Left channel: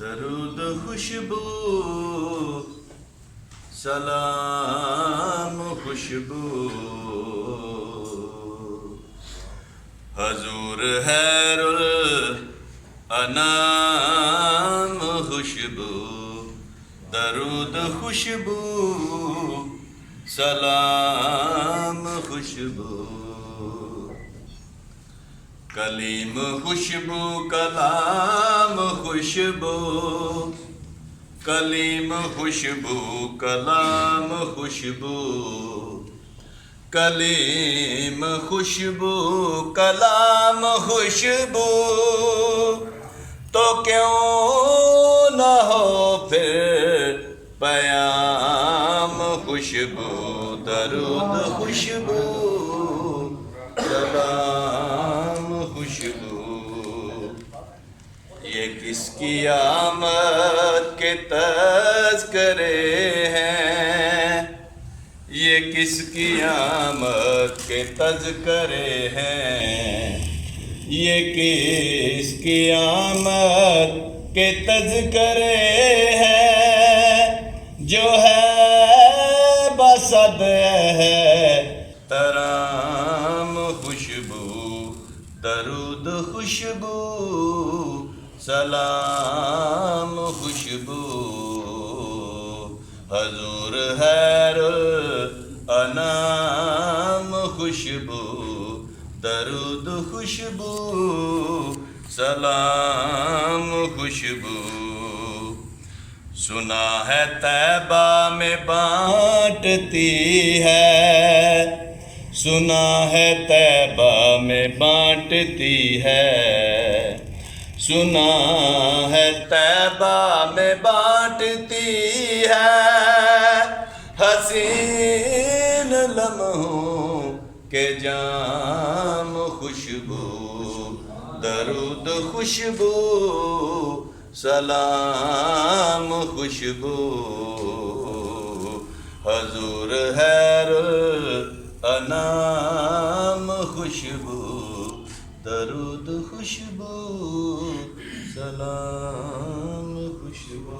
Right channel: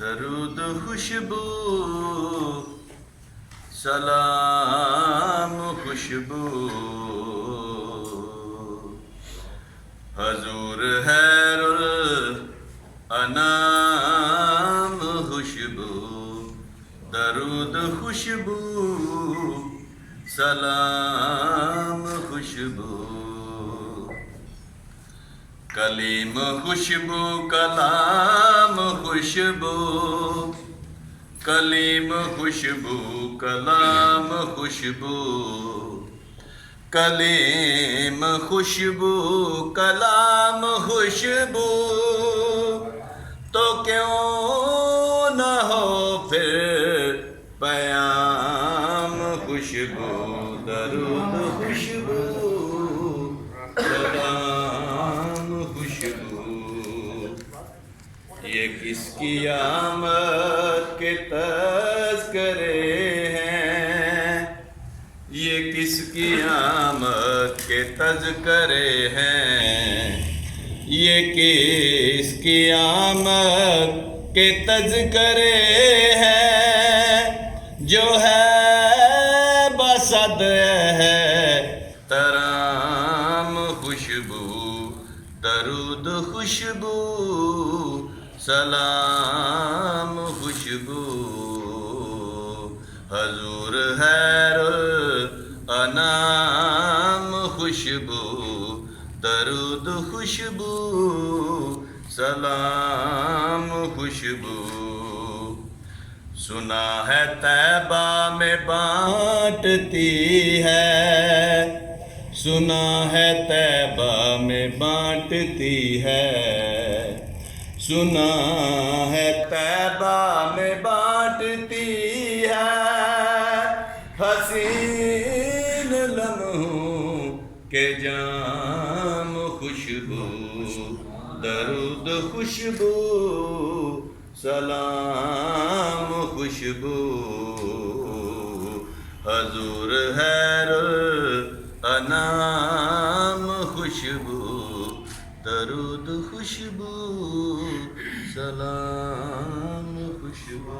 दरूद खुशबू सलाम खुशबू हजूर हैरुल अनाम खुशबू दरूद खुशबू सलाम खुशबू कलीम खुशबू कलाम खुशबू कलीम खुशबू कलाम खुशबू कलीम खुशबू कलाम खुशबू तो क्यों ना हो फिर पयाम खुशबू दरूद खुशबू सलाम खुशबू ये किसकी आमद के तज़किरे हैं, ये किसकी आमद के तज़किरे हैं, ये किसकी आमद के तज़किरे हैं जो है बसद है तराम खुशबू दरूद खुशबू सलाम खुशबू हजूर हैरुल अनाम खुशबू दरूद खुशबू सलाम खुशबू सुना है तैबा में बांटती है, सुना है तैबा में बांटती है, सुना है तैबा में बांटती है हसीन लम्हों के जाम खुशबू दरूद खुशबू सलाम खुशबू हजूर हैरुल अनाम खुशबू दरूद खुशबू सलाम खुशबू।